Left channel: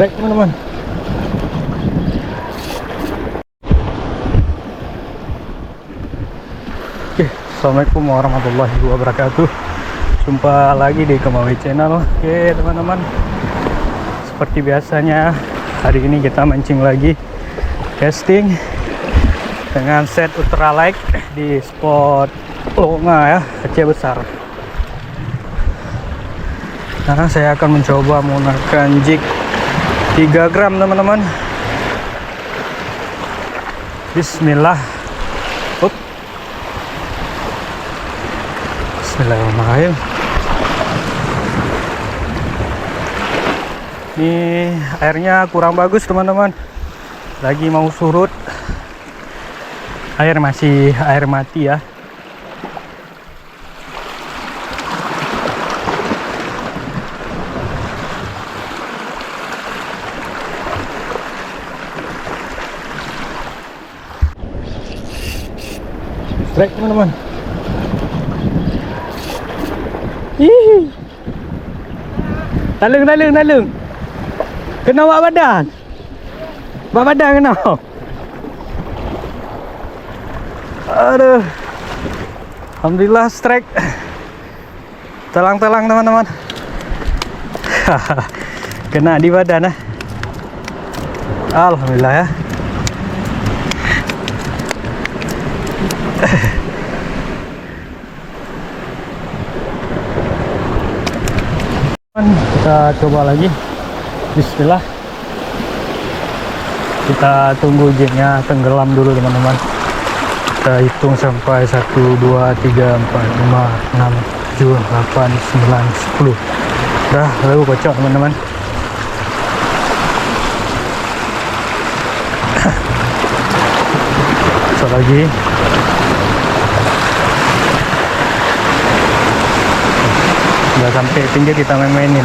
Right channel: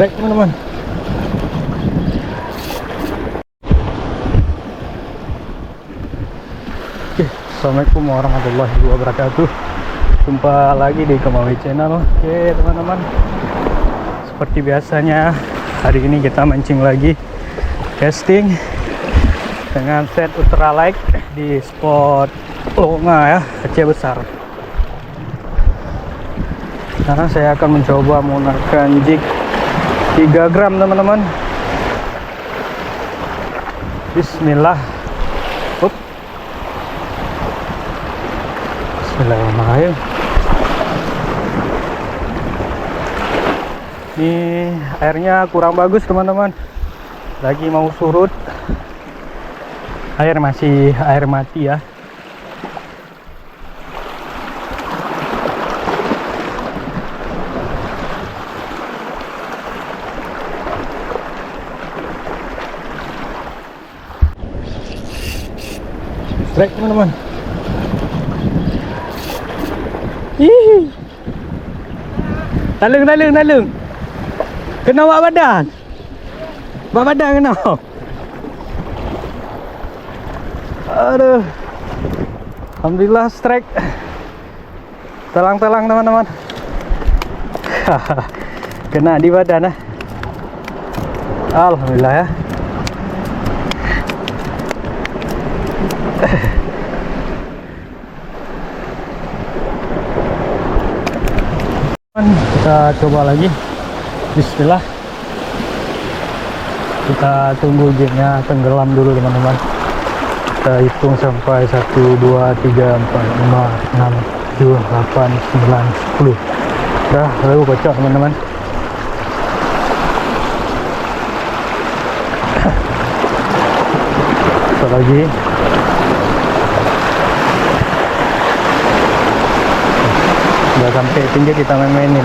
Strike teman-teman. Oke, assalamualaikum warahmatullahi wabarakatuh. Jumpa lagi di Kemawi Channel. Oke teman-teman, seperti biasanya hari ini kita mancing lagi, casting dengan set ultralight di spot Longa ya, Aceh Besar. Sekarang saya akan mencoba menggunakan jig 3 gram teman-teman. Bismillah. Up. Bismillahirrahmanirrahim. Ini airnya kurang bagus teman-teman, lagi mau surut. Air masih air mati ya. Strike teman-teman. Hihi. Talung. Kena bak badan. Bak badan kena. Aduh. Alhamdulillah strike. Telang-telang teman-teman. Kena di badan. Alhamdulillah ya. Kita coba lagi. Bismillah. Kita tunggu jignya tenggelam dulu teman-teman. Kita hitung sampai 1, 2, 3, 4, 5, 6, 7, 8, 9, 10. Udah, lalu kocok teman-teman. Kocok lagi. Udah sampai pinggir kita main-mainin.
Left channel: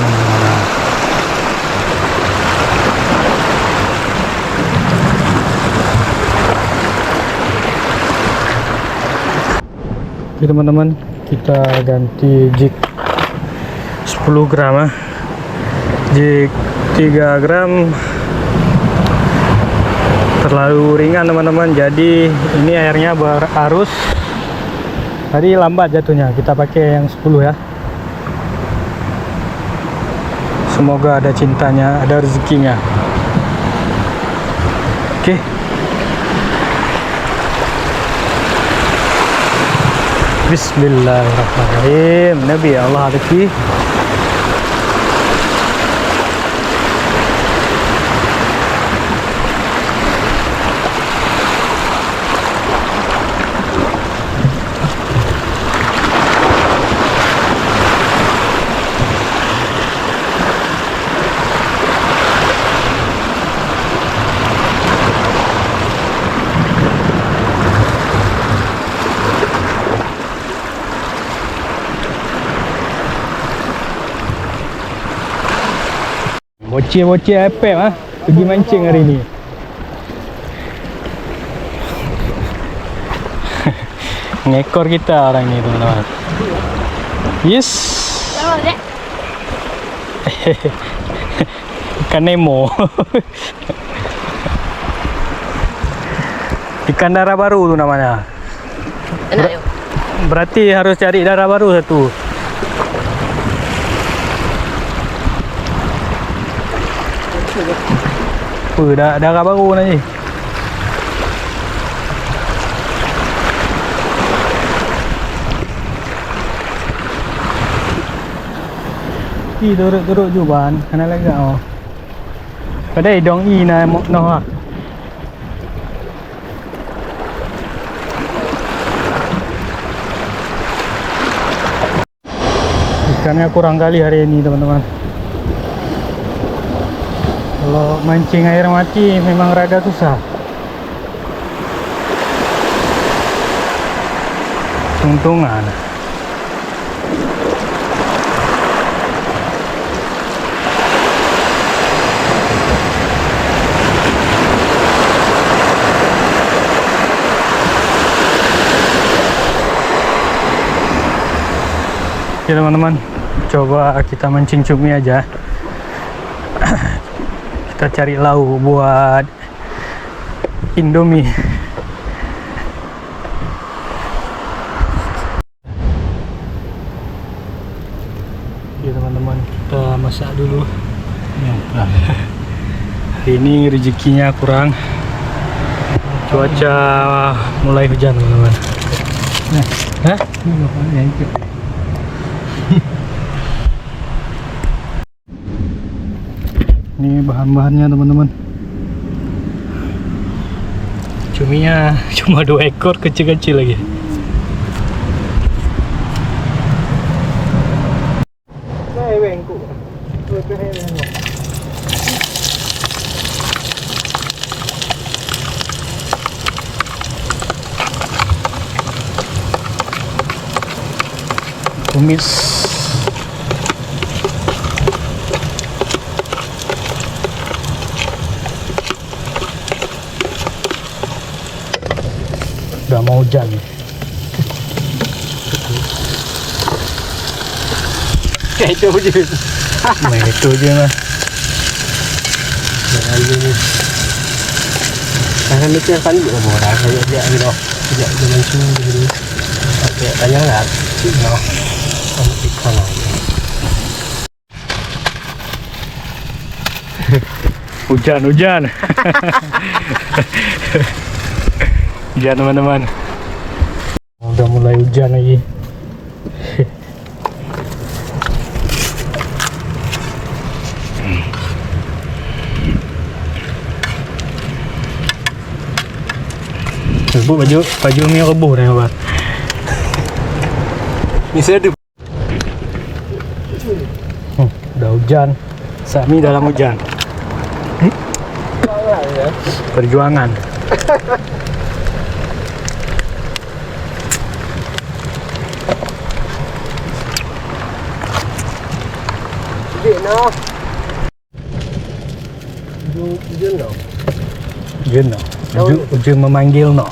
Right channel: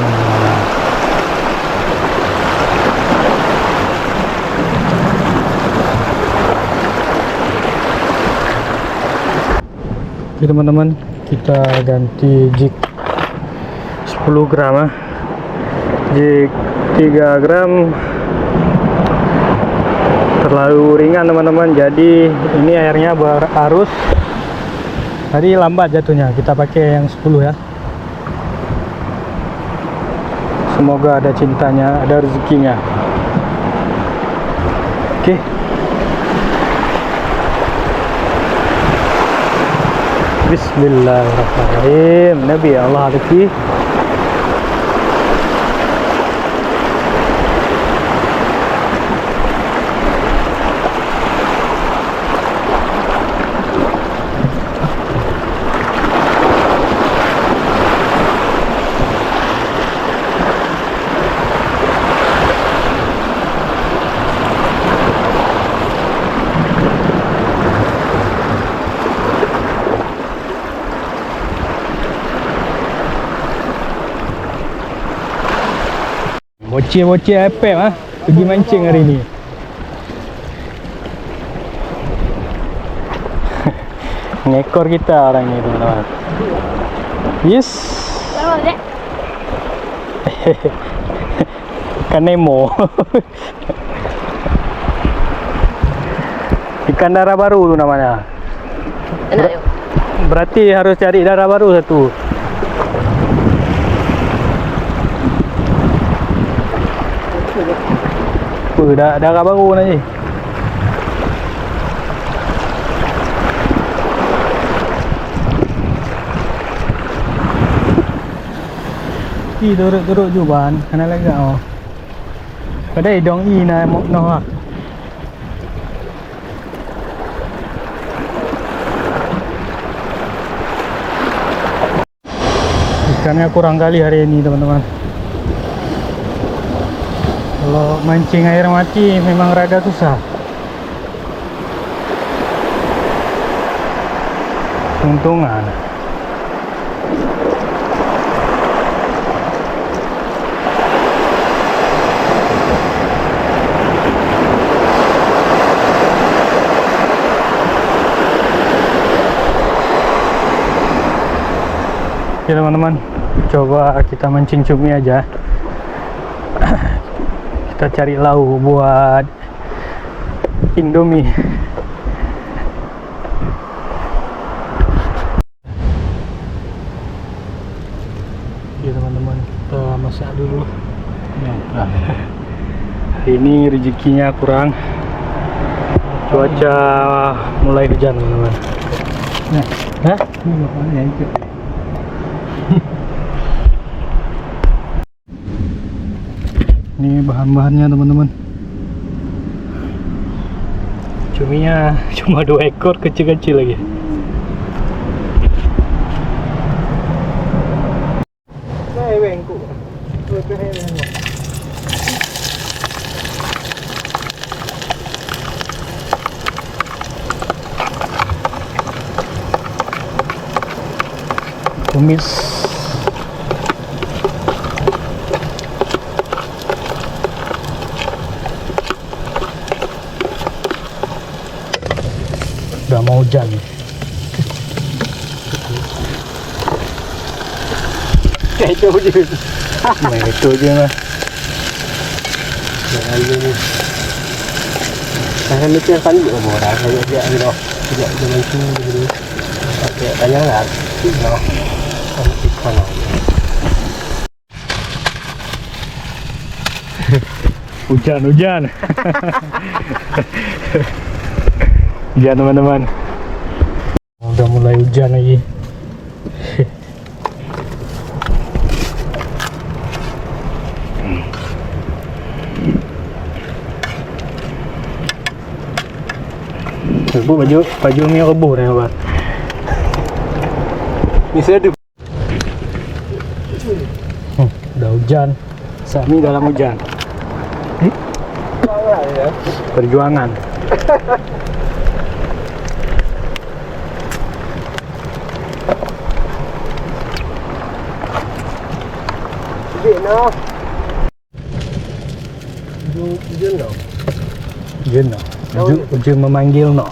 Oke teman-teman, kita ganti jig 10 gram. Jig 3 gram terlalu ringan teman-teman, jadi ini airnya berarus, tadi lambat jatuhnya. Kita pakai yang 10 ya. Semoga ada cintanya, ada rezekinya. Oke. Bismillahirrahmanirrahim. Nabi Allah rezeki. Bocil-bocil epek pergi mancing hari ni. Ngekor kita orang ni teman-teman. Yes. Ikan Nemo. Ikan darah baru tu namanya. Berarti harus cari darah baru satu. Darah baru ni. Turut juban, kena lagi oh. Padai dong na noh. Ikannya kurang kali hari ini teman-teman. Kalau mancing air mati memang rada susah. Untungan. Oke teman-teman, coba kita mancing cumi aja. Kita cari lauk buat Indomie. Oke teman-teman, kita masak dulu. Hari ini rezekinya kurang. Cuaca mulai hujan teman-teman. Hah? Ini bahan-bahannya teman-teman. Cuminya cuma 2 ekor, kecil-kecil lagi. Tumis. Udah mau hujan. Kayak itu aja. Main itu aja mah. Karena mikir kan juga murah kayak dia gitu. Tidak dengan sini gitu. Oke, tanya enggak? No. Hujan. Hujan teman-teman. Udah mulai hujan lagi. Bu, baju Umi rebuh nih, Pak. Ini saya di Udah hujan. Sami dalam hujan. Perjuangan. no. Ujung no. Ujung no. Ujung memanggil no.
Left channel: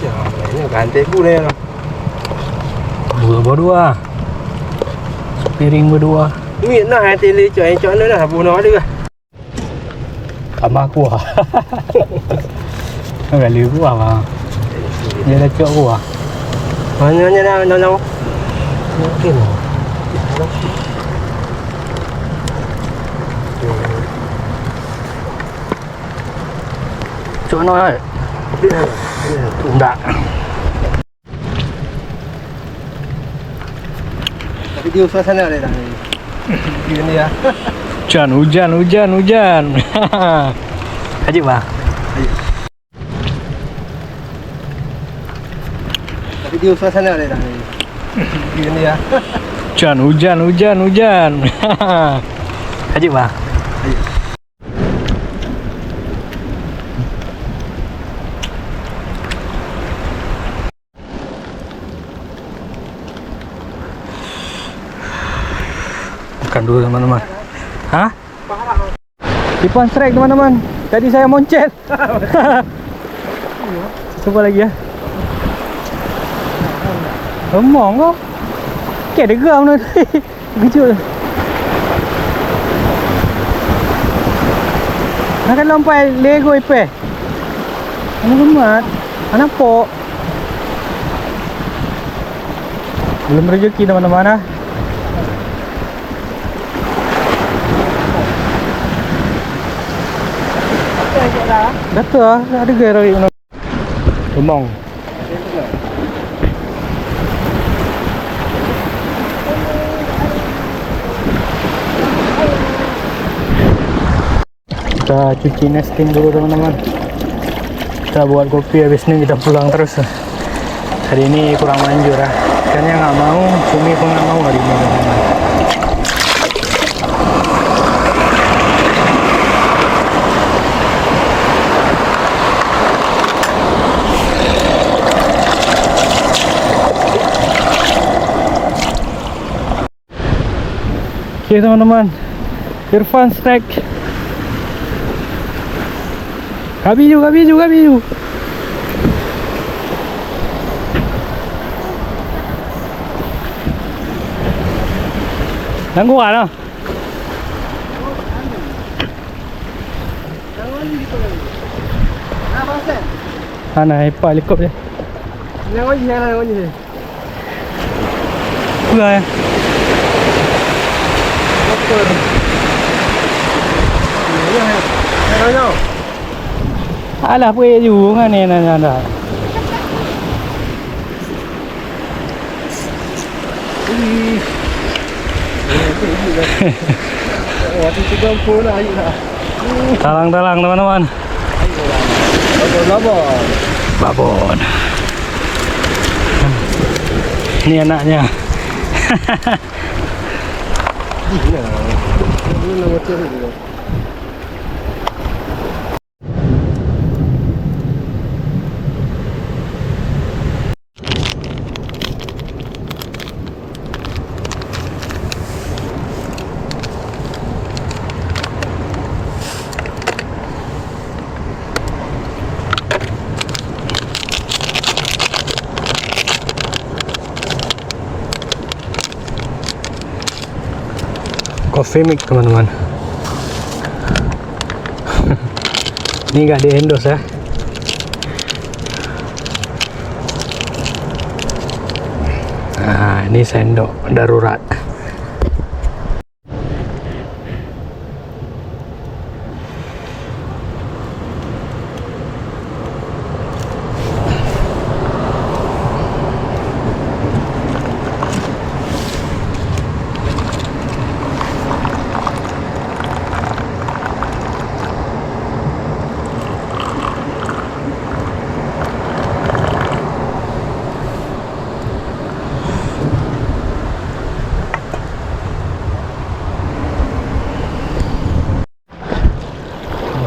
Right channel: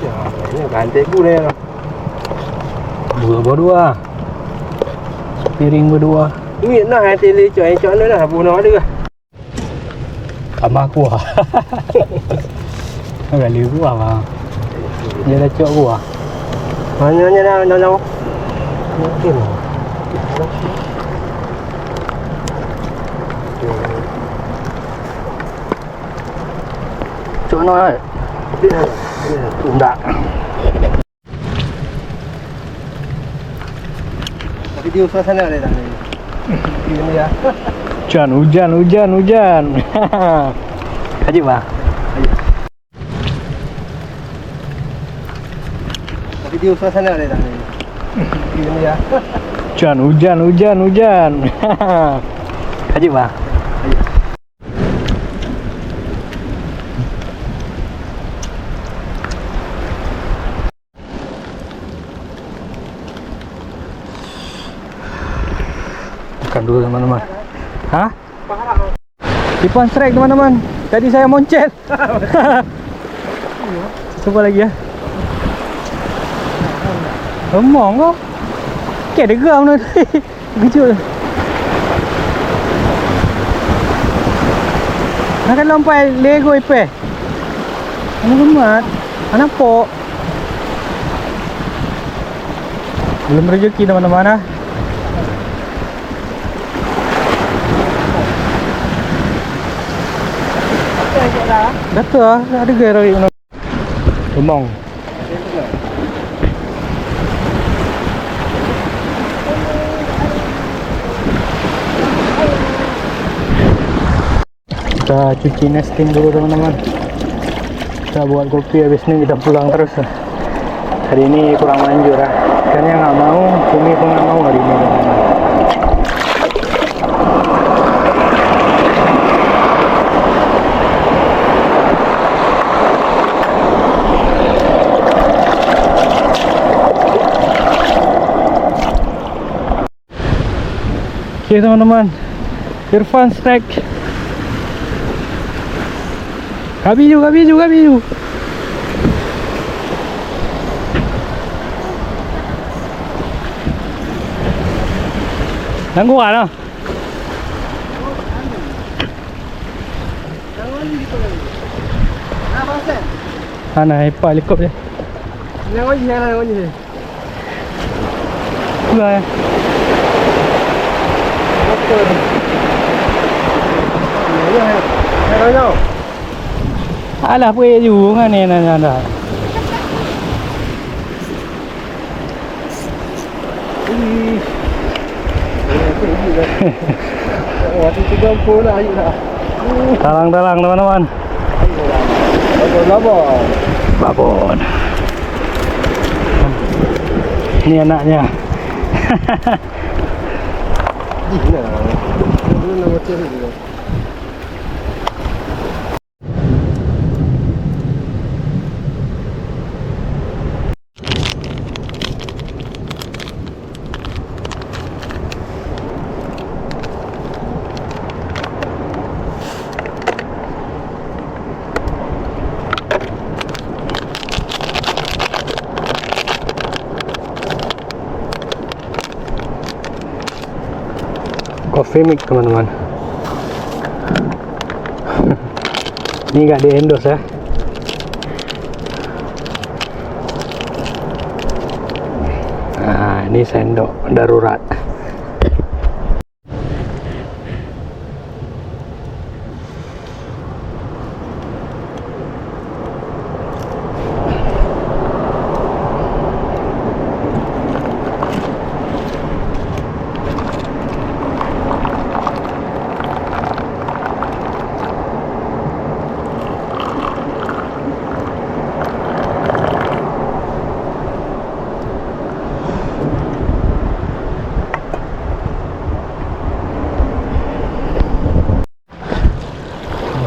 Siapa ini ganti boleh no. Berdua. Piring berdua. Ini nak hati le cuai no lah bunuh dia. Tambah kuah. Enggak liu kuah bang. Dia dah cok kuah. Hanya no. Mungkin. Cok no ai. Enggak. Tapi dia suasana ada dah. Ini ya. Hujan. Haji bang. Tapi dia suasana ada dah. Ini ya. Hujan. Haji bang. Makan dulu teman-teman. Hah? Ipan strike teman-teman. Tadi saya moncet. Coba lagi ya. Emong kok. Kayak ada geram tu. Kejut. Nak kan lompat Lego ipe. Amat. Anak pok. Belum rezeki teman-teman ah. Betul lah, ada gaya lagi. Emong. Kita cuci nesting dulu teman-teman. Kita buat kopi, habis ini kita pulang terus. Hari ini kurang manjur lah. Kayaknya nggak mau, Cumi pun nggak mau hari ini teman-teman. Oke teman-teman, Irfan strike. Kabiju. Nangguan ah. Ana hepa lekop je. Ngon je. Pula ya. Alah punya juga kan ni nanda. Waktu juga pun ayo lah. Talang-talang teman-teman. Labon. Babon. Ini anaknya. Gila. Ini nama ceri juga. Coffee mix teman-teman. Ini nggak di endorse ya. Nah, ini sendok darurat.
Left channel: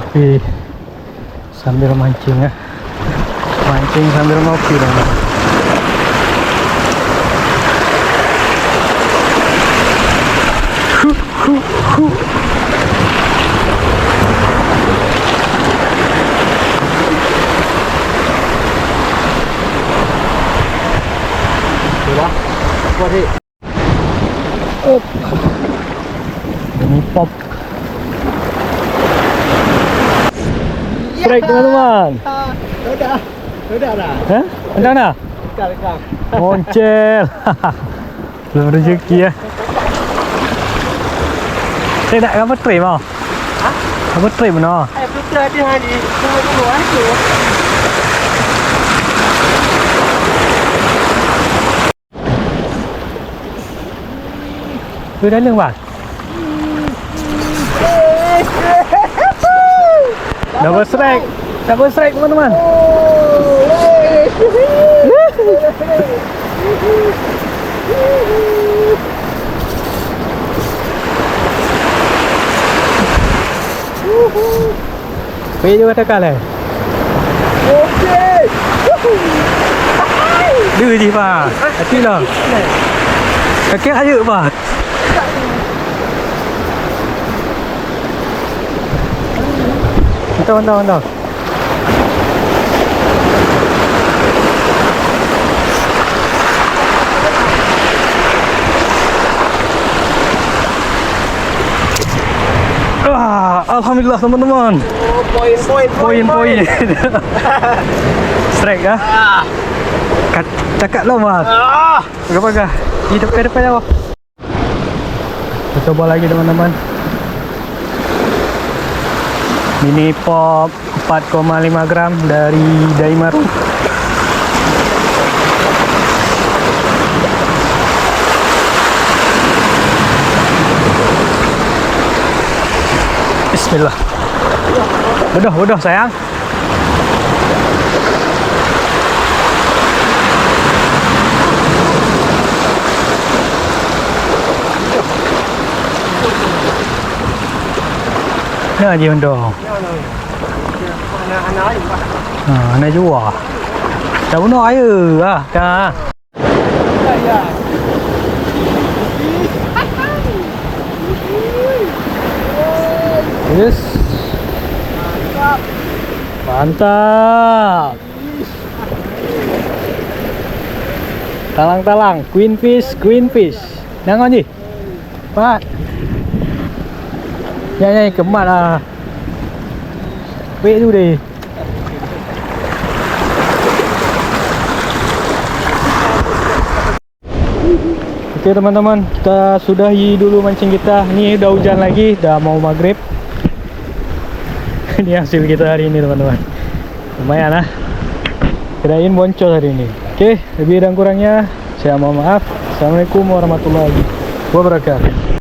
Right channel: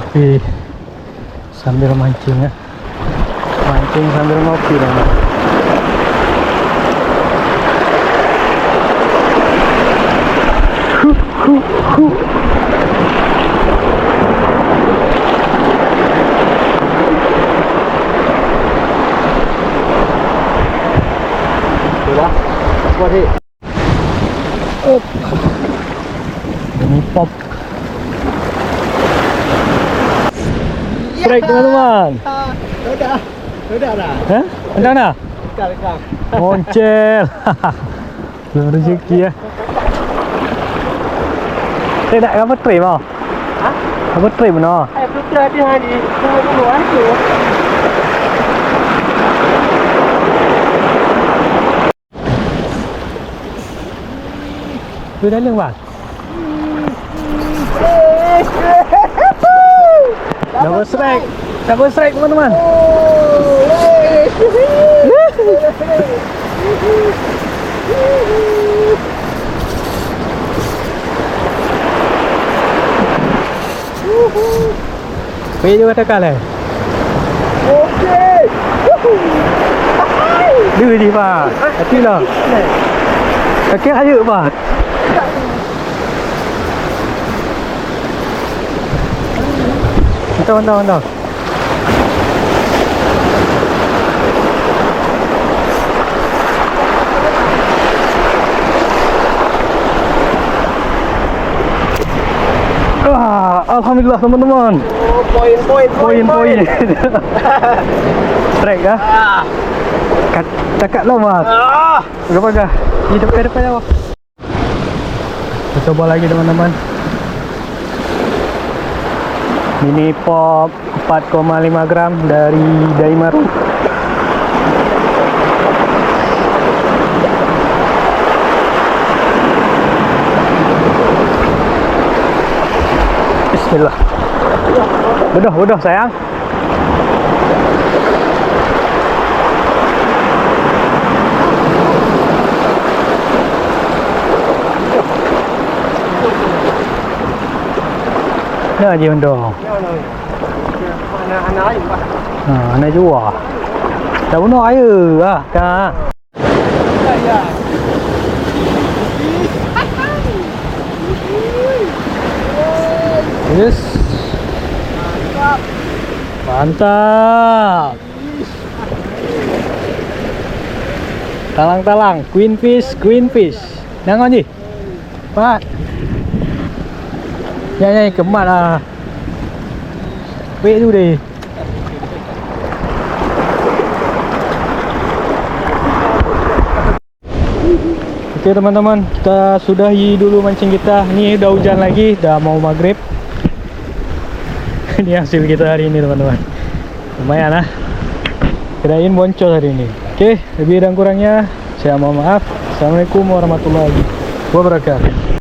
Tapi sambil mancing ya, mancing sambil ngopi dong. Sudah. Kuat ni. Ini pop. Strike teman-teman. Udah dah. Hah? Entah dah? Dekat. Moncel. Belum rezeki ya. Saya nak apa trip mau? Hah? Apa trip no? Putra dia hari. Tunggu dulu aku. Tu dah leng bang. Double strike. Double strike teman-teman. Pergi juga tekan lah. Okey. Dia je bang. Hati lah. Kaki aja bang. Mantap. Alhamdulillah teman-teman. Oh, poin. Strike kah? Cakap lah bang. Pegang. Di depan awak. Kita coba lagi teman-teman. Mini pop 4,5 gram dari Daimaru. Bismillah. Bodoh sayang. Nah, dia undang. Anak-anak ayu pak. Anak jual. Dah bunuh air lah. Dah. Ya. Yes. Mantap. Talang-talang, queen fish. Jangan je. Pak. Ya, kemat lah. Wait tu deh. Oke teman-teman, kita sudahi dulu mancing kita. Ini udah hujan lagi, udah mau maghrib. Ini hasil kita hari ini teman-teman. Lumayan lah. Kirain boncos hari ini. Oke, lebih dan kurangnya saya mohon maaf. Assalamualaikum warahmatullahi wabarakatuh.